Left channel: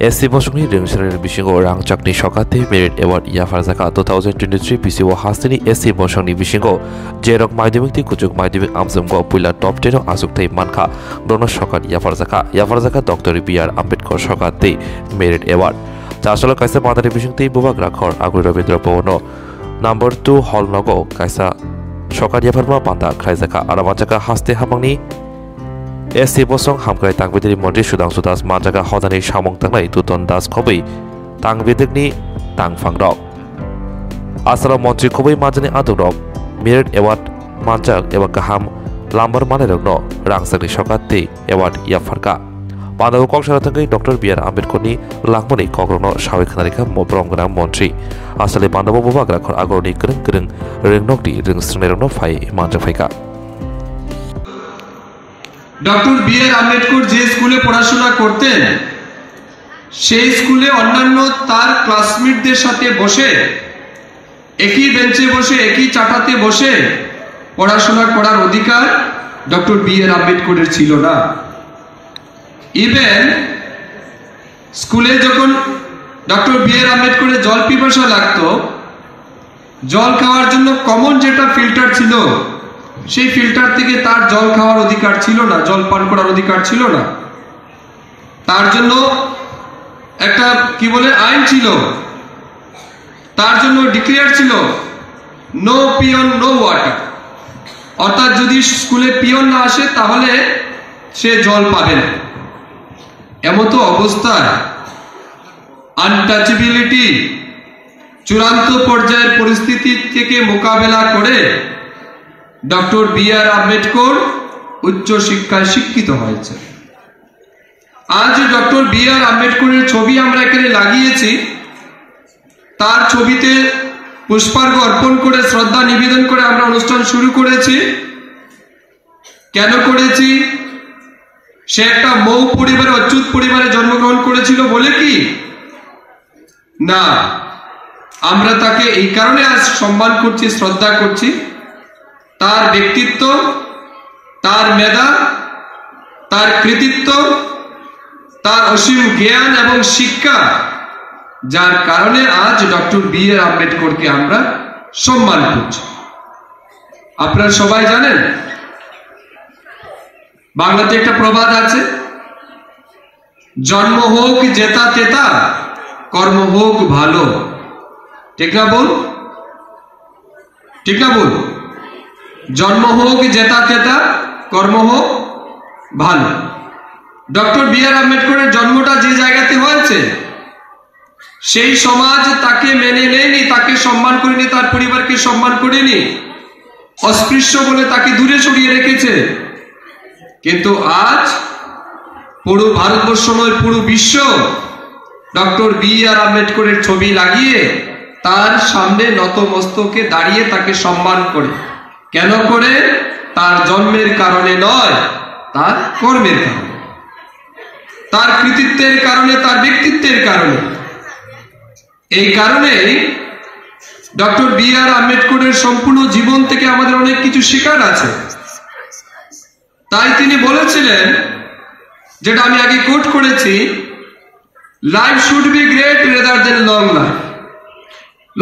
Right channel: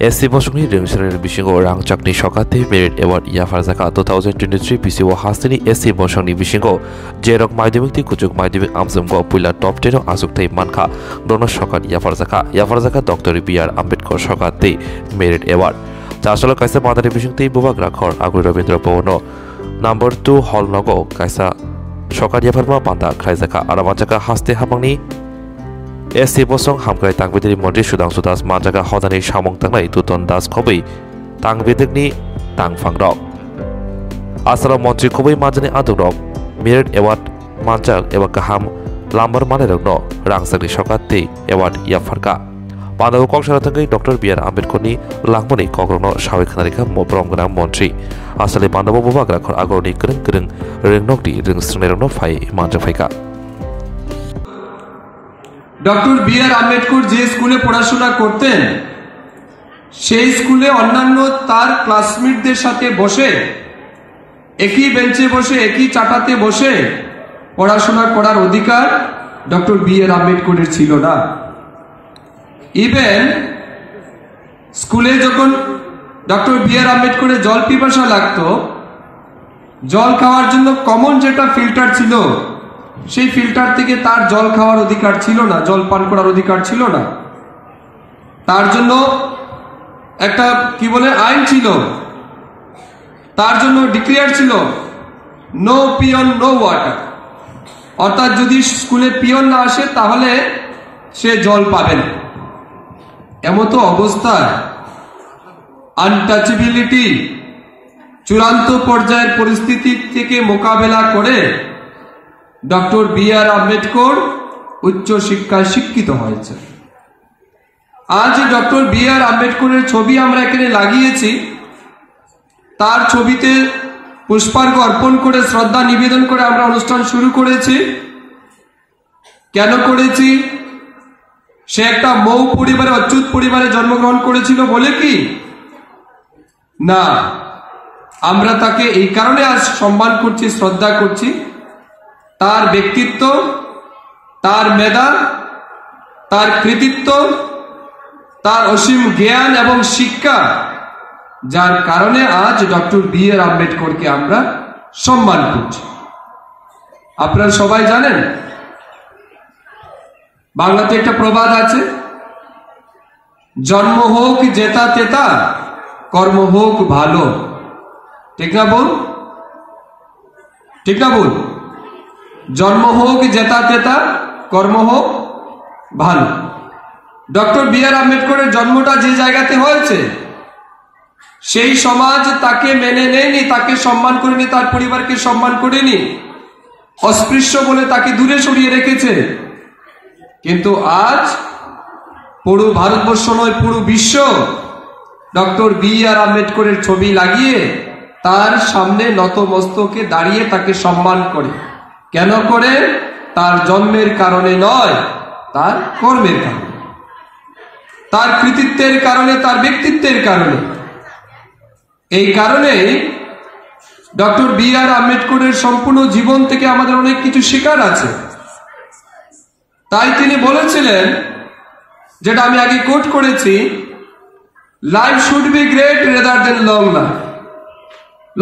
SC Bosungni Ringshare Bishingo Rang Chakni Shokati Merit Award Yafarzaka 2023 PCO Hastini SC Bosungni Bishingo Jerok Maidimikti Kujuk Maidimik Amzumgo Pula Top 10 Azuktai Manka Dono Shokat Yafarzaka Dr. B.R. Ambedkar Shokati Merit Award Chasolo Kaisa Madari Bishingti Bubak Rakhor Agri Rabindra Bono Number 2 Hall Nogo Kaisa Shokat Yafarma Banda Kaisaka Aramachaka Haste Hamangni SC Bosong Hamkai Tangbedri Monti Sudang Sudas Manjaga Hodani Shamong Tangai Tuton Das Kobi Tangbedri Tangfangrok Asara Monti Kobi Majani Adurok Merit Award Manjak Ewa Kaham Lambar Manerogno Rangsaki Shokati Award Yafarka Pandago Koksharatangay Dr. B.R. Ambedkar Langmoni Kokrono Shawik Kanarika Mopromgana Montri Asale Pandabo Bubak Rakhor Agoroni Kering Ringnokdi Ring Snerno Fai Manjafaika doctor B.R.. Ambedkar যে স্কুলে পড়াশোনা করতেন সেই স্কুলে অন্যান্য তার ক্লাসমেটদের সাথে বসে একই বেঞ্চে বসে একই চাটাতে বসে পড়াশোনা করার অধিকার ডক্টর বি.আর. আম্বেদকরের ছিল না। ইভেন স্কুলে যখন ডক্টর বি.আর. আম্বেদকরের জল পিপাসা লাগতো, জল খাওয়ার জন্য কমন যেটা ফিল্টার ছিল সেই ফিল্টার থেকে তার জল খাওয়ার অধিকার ছিল না, জল পান করার অধিকার ছিল না। তার জন্য একটা কি বলে আইন ছিল, তার জন্য ডিক্লেয়ার ছিল নো পিয়ন নো ওয়াটার, অর্থাৎ যদি স্কুলে পিয়ন না আসে তাহলে সে জল পাবে না। এমতো অবস্থায় আনটাচেবিলিটি চূড়ান্ত পর্যায়ের পরিস্থিতি থেকে মোকাবেলা করে ডক্টর বি.আর. আম্বেদকর উচ্চ শিক্ষায় শিক্ষিত হয়েছে। আজ ডক্টর বি.আর. আম্বেদকরের ছবি আমরা এখানে লাগিয়েছি, তার ছবিতে পুষ্পার্ঘ্য অর্পণ করে শ্রদ্ধা নিবেদন করে আমরা অনুষ্ঠান শুরু করেছি। কেন করেছি? সে একটা মৌ পরিবারে অচ্যুত পরিবারে জন্মগ্রহণ করেছিল বলে কি না, আমরা তাকে এই কারণে আজ সম্মান করছি, শ্রদ্ধা করছি। তার ব্যক্তিত্ব, তার মেধা, তার কৃতিত্ব, তার অসীম জ্ঞান এবং শিক্ষা, যার কারণে আজ ডক্টর বি.আর. আম্বেদকরকে আমরা সম্মান করছি। আপনারা সবাই জানেন বাংলাতে একটা প্রবাদ আছে, জন্ম হোক জেতা তেতা, কর্ম হোক ভালো। ঠিক না বল? ঠিক না বল? জন্ম হোক জেতা তেতা, কর্ম হোক ভালো। Doctor B.R.. আম্বেদকরের জন্মটা যে জায়গাতে হয়েছে সেই সমাজ তাকে মেনে নেয়নি, তাকে সম্মান করেনি, তার পরিবারকে সম্মান করেনি, অস্পৃশ্য বলে তাকে দূরে সরিয়ে রেখেছে। কিন্তু আজ পুরো ভারতবর্ষ নয়, পুরো বিশ্ব ডক্টর বি.আর. আম্বেদকরের ছবি লাগিয়ে তার সামনে নতমস্তকে দাঁড়িয়ে তাকে সম্মান করে। কেন করে? তার জন্মের কারণে নয়, তার কর্মের কারণে, তার কৃতিত্বের কারণে, তার ব্যক্তিত্বের কারণে। এই কারণে ডক্টর বি.আর. আম্বেদকরের সম্পূর্ণ জীবন থেকে আমাদের অনেক কিছু শেখার আছে। তাই তিনি বলেছিলেন, যেটা আমি আগে কোট করেছি, life should be great rather than long life.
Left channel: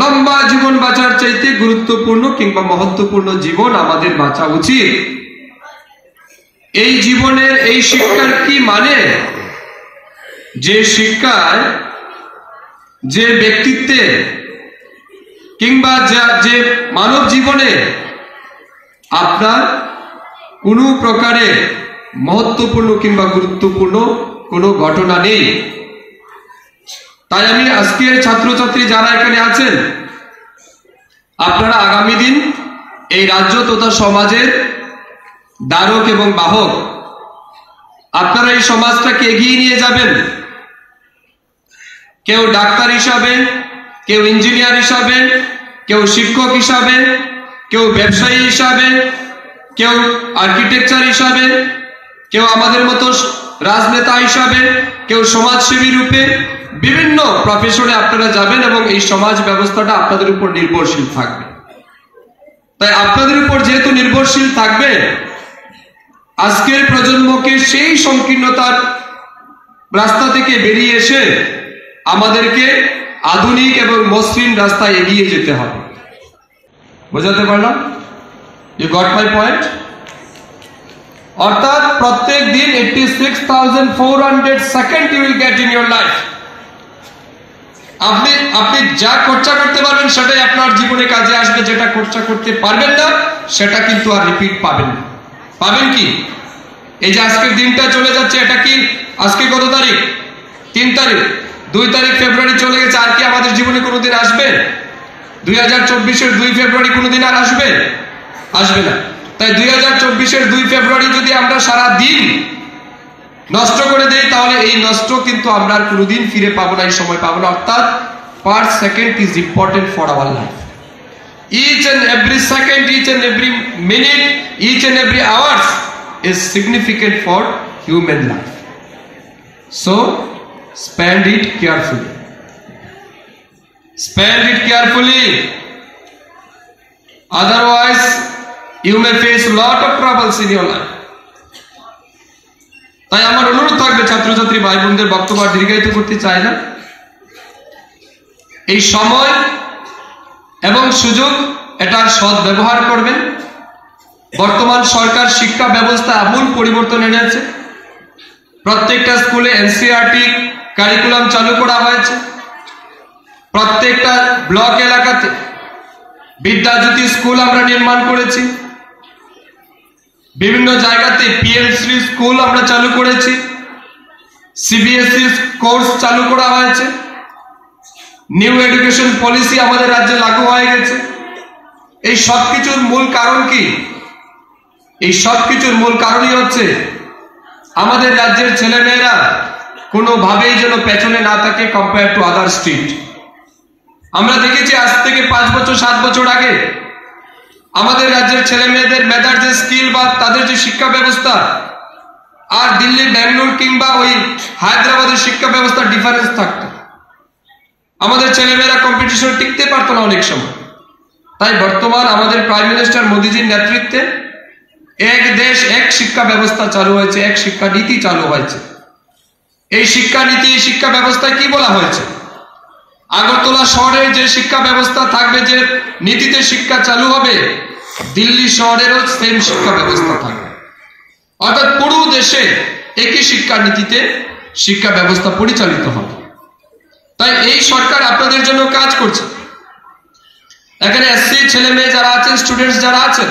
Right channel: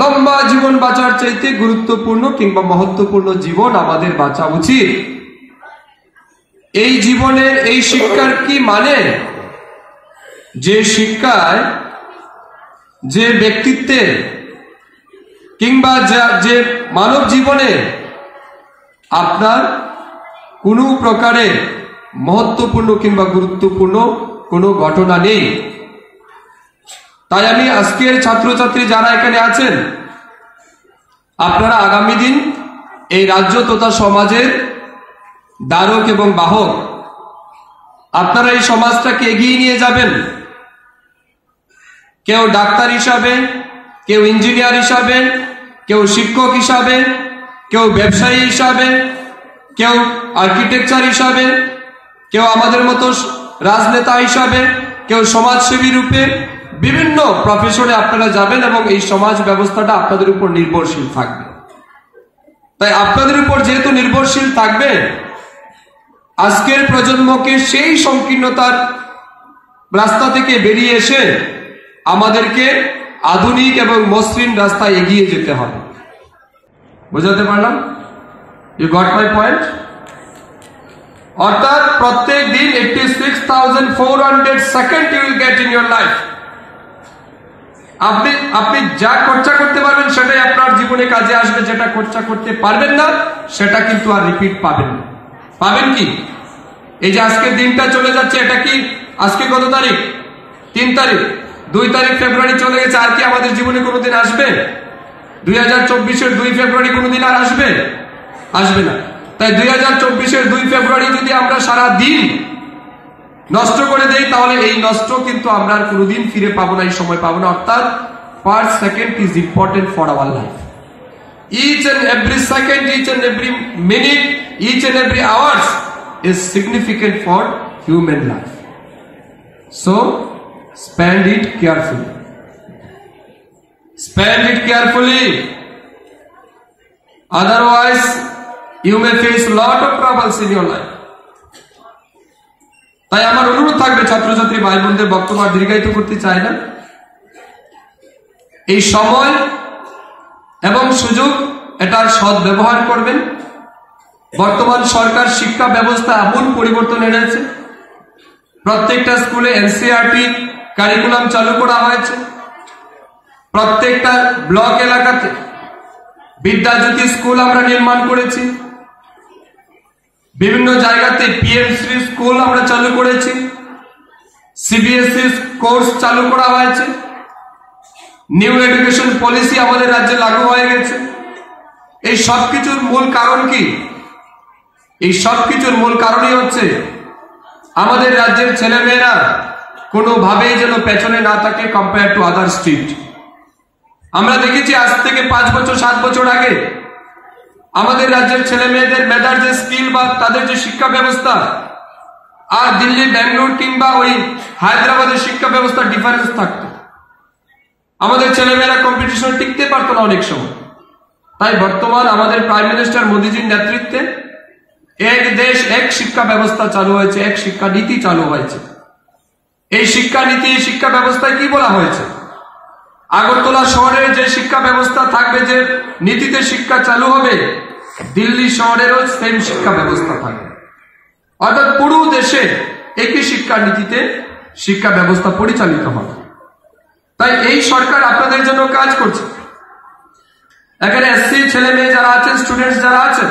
লম্বা জীবন বাঁচার চাইতে গুরুত্বপূর্ণ কিংবা মহত্বপূর্ণ জীবন আমাদের বাঁচা উচিত। এই জীবনের এই শিক্ষার কি মানে? যে শিক্ষায়, যে ব্যক্তিত্বে কিংবা যে মানব জীবনে আপনার কোনো প্রকারে মহত্বপূর্ণ কিংবা গুরুত্বপূর্ণ কোনো ঘটনা নেই। তাই আমি আজকের ছাত্রছাত্রী যারা এখানে আছেন, আপনারা আগামী দিন এই রাজ্য তথা সমাজের ধারক এবং বাহক। আপনারা এই সমাজটাকে এগিয়ে নিয়ে যাবেন। কেউ ডাক্তার হিসাবে, কেউ ইঞ্জিনিয়ার হিসাবে, কেউ শিক্ষক হিসাবে, কেউ ব্যবসায়ী হিসাবে, কেউ আর্কিটেকচার হিসাবে, কেউ আমাদের মতো রাজনেতা হিসাবে, কেউ সমাজসেবী রূপে বিভিন্ন প্রফেশনে আপনারা যাবেন এবং এই সমাজ ব্যবস্থাটা আপনাদের উপর নির্ভরশীল থাকবে। তাই আপনাদের উপর যেহেতু নির্ভরশীল থাকবে, আজকের প্রজন্মকে সেই সংকীর্ণতার রাস্তা থেকে বেরিয়ে এসে আমাদেরকে আধুনিক এবং মসৃণ রাস্তায় এগিয়ে যেতে হবে। বোঝাতে পারলাম? You got my point? অর্থাৎ প্রত্যেক দিন 86,400 second you will get in your life. আপনি যা খরচা করতে পারবেন সেটাই আপনার জীবনে কাজে আসবে, যেটা খরচা করতে পারবেন না সেটা কিন্তু আর রিপিট পাবেন না। পাবেন কি? এই যে আজকের দিনটা চলে যাচ্ছে, এটা কি আজকে কত তারিখ? 3 তারিখ। 2 তারিখ ফেব্রুয়ারি চলে গেছে, আর কি আমাদের জীবনে কোনোদিন আসবে? 2024-এর 2 ফেব্রুয়ারি কোনোদিন আর আসবে? আসবে না। তাই 2024-এর 2 ফেব্রুয়ারি যদি আমরা সারা দিন নষ্ট করে দেই, তাহলে এই নষ্ট কিন্তু আমরা আর কোনোদিন ফিরে পাবো না, এই সময় পাবো না। অর্থাৎ per second is important for our life. Each and every second, each and every minute, each and every hours is significant for human life. So, spend it carefully. Spend it carefully. Otherwise, you may face a lot of troubles in your life. তাই আমার অনুরোধ থাকবে ছাত্রছাত্রী ভাই বোনদের, বক্তব্য দীর্ঘায়িত করতে চাই না। এই সময় এবং সুযোগ এটার সৎ ব্যবহার করবেন। বর্তমান সরকার শিক্ষা ব্যবস্থা এমন পরিবর্তন এনেছে, প্রত্যেকটা স্কুলে এনসিইআরটি কারিকুলাম চালু করা হয়েছে। প্রত্যেকটা ব্লক এলাকাতে বিদ্যাজ্যোতি স্কুল আমরা নির্মাণ করেছি। বিভিন্ন জায়গাতে পিএমসি স্কুল আমরা চালু করেছি। সিবিএসই কোর্স চালু করা হয়েছে। নিউ এডুকেশন পলিসি আমাদের রাজ্যে লাগু হয়ে গেছে। এই সবকিছুর মূল কারণ কি? এই সবকিছুর মূল কারণই হচ্ছে আমাদের রাজ্যের ছেলেমেয়েরা কোনোভাবেই যেন পেছনে না থাকে কম্পেয়ার টু আদার স্টেট। আমরা দেখেছি আজ থেকে 5 বছর 7 বছর আগে আমাদের রাজ্যের ছেলে মেয়েদের মেধার যে স্কিল বা তাদের যে শিক্ষা ব্যবস্থা আর দিল্লি, ব্যাঙ্গালোর কিংবা ওই হায়দ্রাবাদের শিক্ষা ব্যবস্থার ডিফারেন্স থাকতো। আমাদের ছেলেমেয়েরা কম্পিটিশনে টিকতে পারতো না অনেক সময়। তাই বর্তমান আমাদের প্রাইম মিনিস্টার মোদীজির নেতৃত্বে এক দেশ এক শিক্ষা ব্যবস্থা চালু হয়েছে, এক শিক্ষা নীতি চালু হয়েছে। এই শিক্ষা নীতি, শিক্ষা ব্যবস্থায় কি বলা হয়েছে? আগরতলা শহরের যে শিক্ষা ব্যবস্থা থাকবে, যে নীতিতে শিক্ষা চালু হবে, দিল্লি শহরেরও সেম শিক্ষা ব্যবস্থা থাকবে। অর্থাৎ পুরো দেশে একই শিক্ষা নীতিতে শিক্ষা ব্যবস্থা পরিচালিত হবে। তাই এই সরকার আপনাদের জন্য কাজ করছে। এখানে এসসি ছেলে মেয়ে যারা আছেন, স্টুডেন্টস যারা আছেন,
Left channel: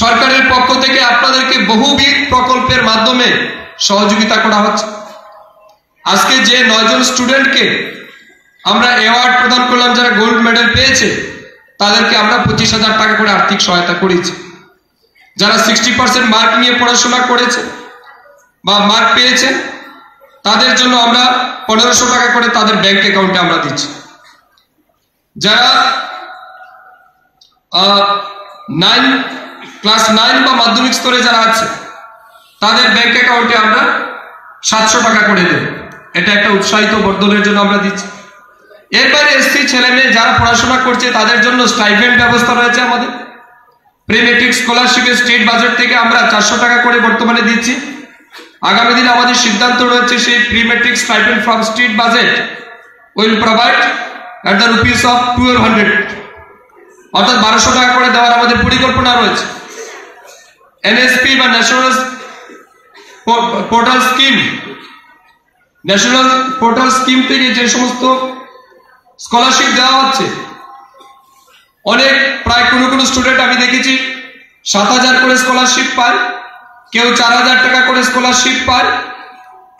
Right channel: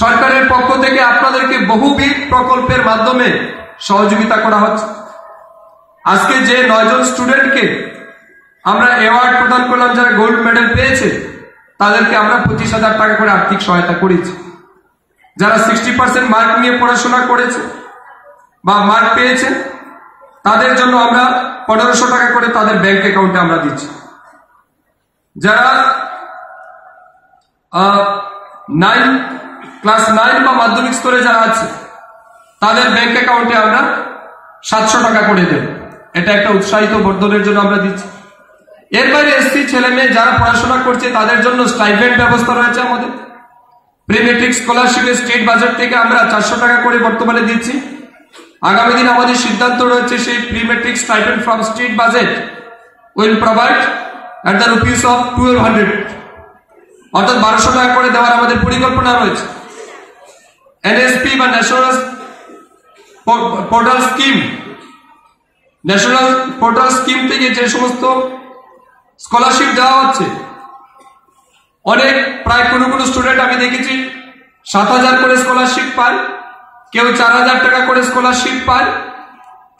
সরকারের পক্ষ থেকে আপনাদেরকে বহুবিধ প্রকল্পের মাধ্যমে সহযোগিতা করা হচ্ছে। আজকে যে 9 জন স্টুডেন্টকে আমরা অ্যাওয়ার্ড প্রদান করলাম, যারা গোল্ড মেডেল পেয়েছে, তাদেরকে আমরা 25,000 টাকা করে আর্থিক সহায়তা করেছি। যারা 60% মার্ক নিয়ে পড়াশোনা করেছে বা মার্ক পেয়েছে, তাদের জন্য আমরা 1500 টাকা করে তাদের ব্যাংক অ্যাকাউন্টে আমরা দিচ্ছি। যারা ক্লাস 9 বা মাধ্যমিক স্তরে যারা আছে, তাদের ব্যাংক অ্যাকাউন্টে আমরা 700 টাকা করে দেব। এটা একটা উৎসাহিত বর্ধনের জন্য আমরা দিচ্ছি। এরপরে এসসি ছেলে মেয়ে যারা পড়াশোনা করছে, তাদের জন্য স্টাইপেন্ড ব্যবস্থা রয়েছে আমাদের। প্রি মেট্রিক স্কলারশিপের স্টেট বাজেট থেকে আমরা 400 টাকা করে বর্তমানে দিচ্ছি। আগামী দিনে আমাদের সিদ্ধান্ত রয়েছে সেই pre metric stipend from state budget will provide at the rupees of 1200, অর্থাৎ 1200 টাকা করে দেওয়ার আমাদের পরিকল্পনা রয়েছে। এনএসপি বা national portal scheme, national portal scheme থেকে যে সমস্ত স্কলারশিপ দেওয়া হচ্ছে, অনেক প্রায় কোনো স্টুডেন্ট আমি দেখেছি 7,000 করে স্কলারশিপ পায়, কেউ 4,000 টাকা করে স্কলারশিপ পায়।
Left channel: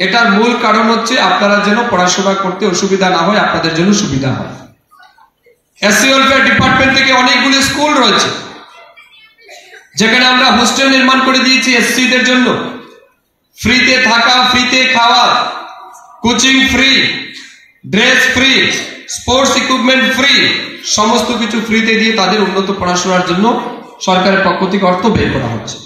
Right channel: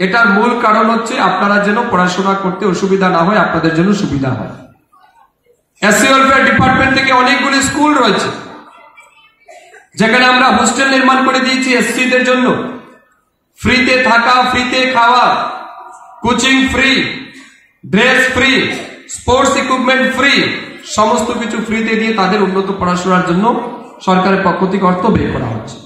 এটার মূল কারণ হচ্ছে আপনারা যেন পড়াশোনা করতে অসুবিধা না হয়, আপনাদের জন্য সুবিধা হয়। এসসি ওয়েলফেয়ার ডিপার্টমেন্ট থেকে অনেকগুলি স্কুল রয়েছে, যেখানে আমরা হোস্টেল নির্মাণ করে দিয়েছি এসসিদের জন্য। ফ্রিতে থাকা, ফ্রিতে খাওয়া, coaching free, dress free, sports equipment free, সমস্ত কিছু ফ্রিতে দিয়ে তাদের উন্নত পড়াশোনার জন্য সরকারের পক্ষ থেকে অর্থ বের করা হচ্ছে।